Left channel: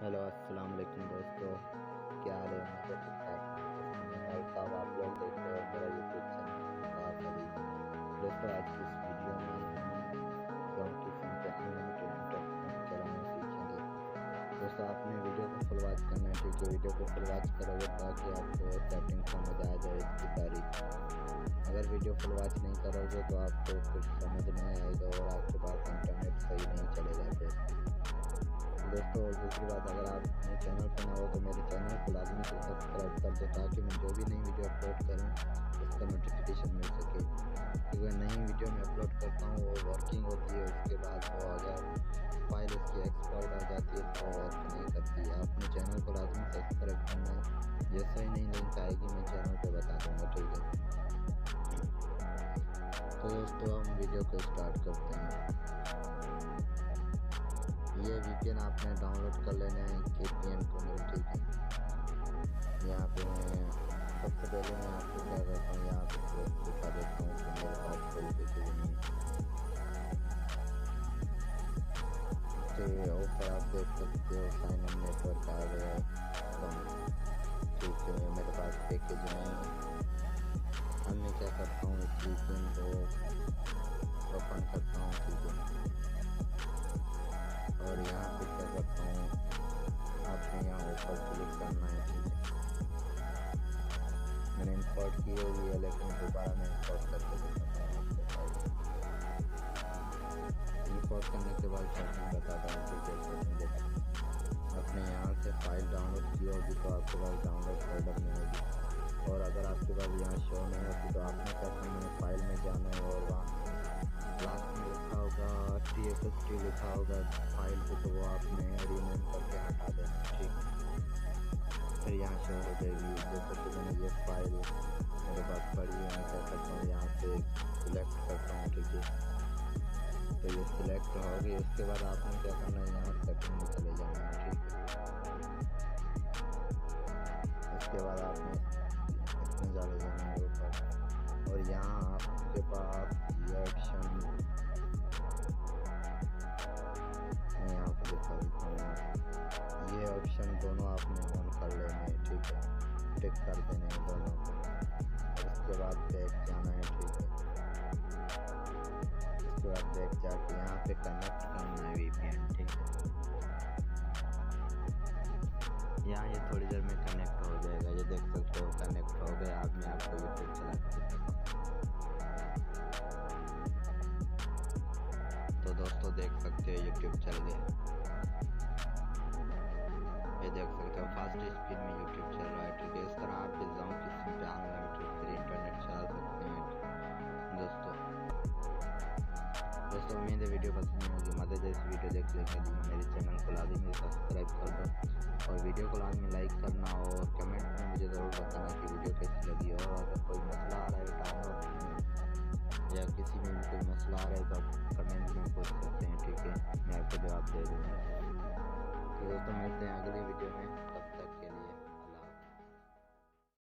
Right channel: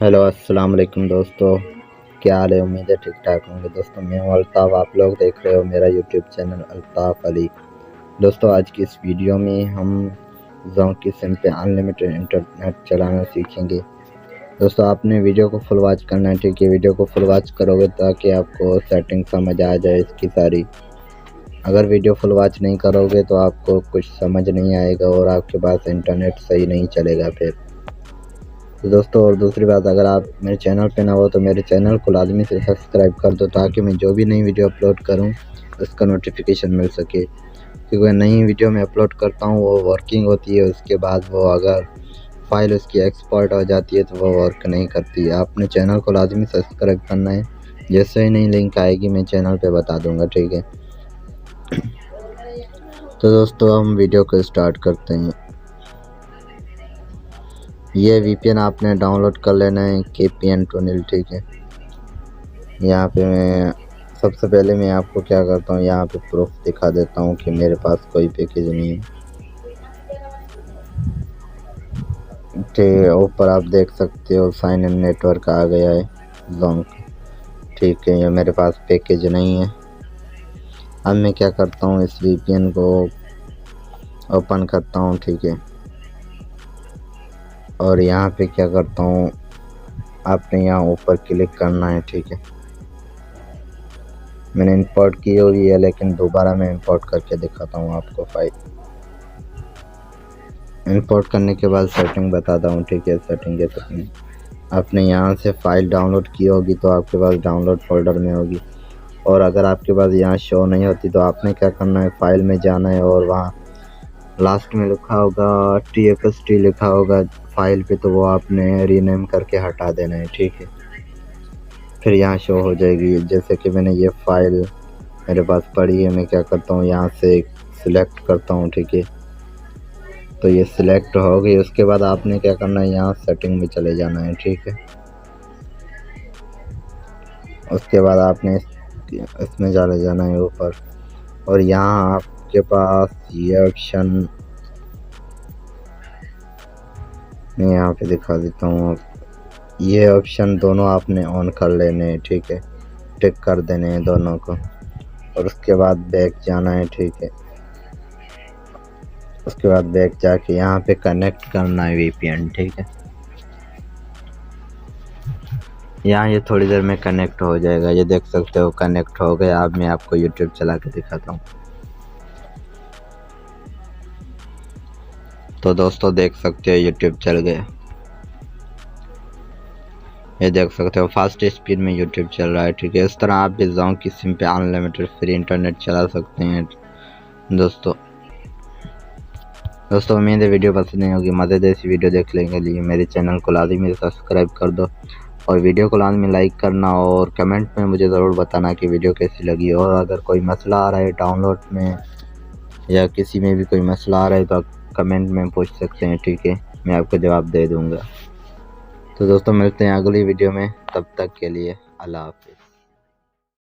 Hello अस्सलाम वालेकुम दोस्तों, क्या हाल है। उम्मीद है ठीक ठाक होंगे। दोस्तों मैं हूं अल्ताफ़, आप लोग देख रहे हो मेरा यूट्यूब चैनल अल्ताफ़ अली। दोस्तों आज की इस वीडियो में हम जोंक की सिम पे अनलिमिटेड इंटरनेट चलाना सीखेंगे। दोस्तों आपने वीडियो को फुल वॉच करना है, ठीक है। वीडियो को फुल वॉच करोगे ताकि आपको सेटिंग समझ आ जाए इसकी सारी। अगर वीडियो फुल वॉच नहीं करोगे तो आपको कुछ समझ नहीं आएगा और आपके पास इंटरनेट सही नहीं चलेगा फिर। तो दोस्तों और दूसरी बात, अगर आप मेरे चैनल पे ना हो तो मेरे चैनल को लाजमी से सब्सक्राइब कर दो ताकि मैं जो भी नई वीडियो अपलोड करूं उसका नोटिफिकेशन मिल सके। क्योंकि नई वीडियो मैं अपलोड करता हूं वो वर्किंग होती है, उसके बाद वो अगर फाइल उसकी एक्सपोर्ट हो जाती है तो वो वर्क नहीं करती है। आपने चैनल को लाजमी सब्सक्राइब करना है, जैसे ही नई लिंक आएगी मैं चैनल पर बता दूँगा, ठीक है। तो दोस्तों हम वीडियो को स्टार्ट करते हैं। ये VPN आपने डाउनलोड कर लेना है, KPN टनल, ठीक है। यहाँ पे मैं सबसे पहले मैं आपको क्या करता हूँ, यहाँ पे प्रूफ दिखा देता हूँ कि मेरे पास कोई पैकेज नहीं है। ठीक है, ऊपर आप देख सकते हो साइन इन नेटवर्क आ गया है जोंक, ठीक है। ये मेरे पास पैकेज नहीं है। अब मैं क्या करता हूँ, इस VPN को ओपन करता हूँ, ठीक है। और यहाँ पे क्या करता हूँ, आपने यहाँ ऊपर क्लिक करना है, ठीक है। मैंने इंपोर्ट की हुई है लेकिन दोबारा मैं इंपोर्ट करके दिखाता हूँ आपको फाइल। इंपोर्ट करने के बाद सेटिंग बताता हूँ, ठीक है। सेटिंग आपने यहाँ से फाइल डाउनलोड की होगी तो आपके पास डाउनलोड फोल्डर में होगी, और अगर आपके पास यहाँ शो नहीं होती तो आपने क्या करना है, फाइल में जाना है और वहाँ लास्ट में लिखा होगा TXT लिखा होगा फाइल पे, तो वो आपने रीनेम करके हटा देना है, ठीक है। फिर यहाँ शो हो जाएगी। जैसे कि मैंने ये फाइल मेरे पास पड़ी है, मैं क्या करता हूँ यहाँ से सिलेक्ट करता हूँ, ठीक है। तो ये सिलेक्ट हो गई। उसके बाद आपने क्या करना है, यहाँ सेटिंग में चले जाना है, ठीक है। उसके बाद आपने इसमें चले जाना है ऊपर, और यहाँ आपके पास ये ऑप्शन मैं यहाँ पे दिखा देता हूँ। ये ऑप्शन दोनों आपने ऑन कर लेने हैं, ठीक है। टिक कर देने हैं दोनों को, और उसके बाद बैक जाना है, ठीक है। उसके बाद बैक जाके यहाँ पे कनेक्ट करना है VPN, ठीक है। यहाँ ये थोड़ी देर में कनेक्ट हो जाएगा, ये देख सकते हो कनेक्ट हो गया। अब मैं आपको YouTube चला के दिखाता हूँ। तो दोस्तों देख सकते हो YouTube चल गया, ये देख सकते हो फास्ट स्पीड में YouTube चल रहा है, ठीक है। इस तरह आप भी जोंक की सिम पे अनलिमिटेड फ्री इंटरनेट चला सकते हैं दोस्तों उम्मीद है वीडियो पसंद नहीं होगी। मज़ेदार सी वीडियो देख लेंगे लिए मेरे चैनल को लाजमी सब्सक्राइब कर दो, और वीडियो को लाजमी लाइक करना, और कमेंट में मुझे ज़रूर बताना कि वीडियो कैसी लगी। और अगर कोई मसला आ रहा है डाउनलोड में या किसी में भी कोई मसला आ रहा है तो आप कमेंट में पूछ सकते हैं, ठीक है। मैं आपको जवाब दे दूँगा। तो दोस्तों मिलते हैं अगली वीडियो में, तब तक के लिए अल्लाह हाफ़िज़।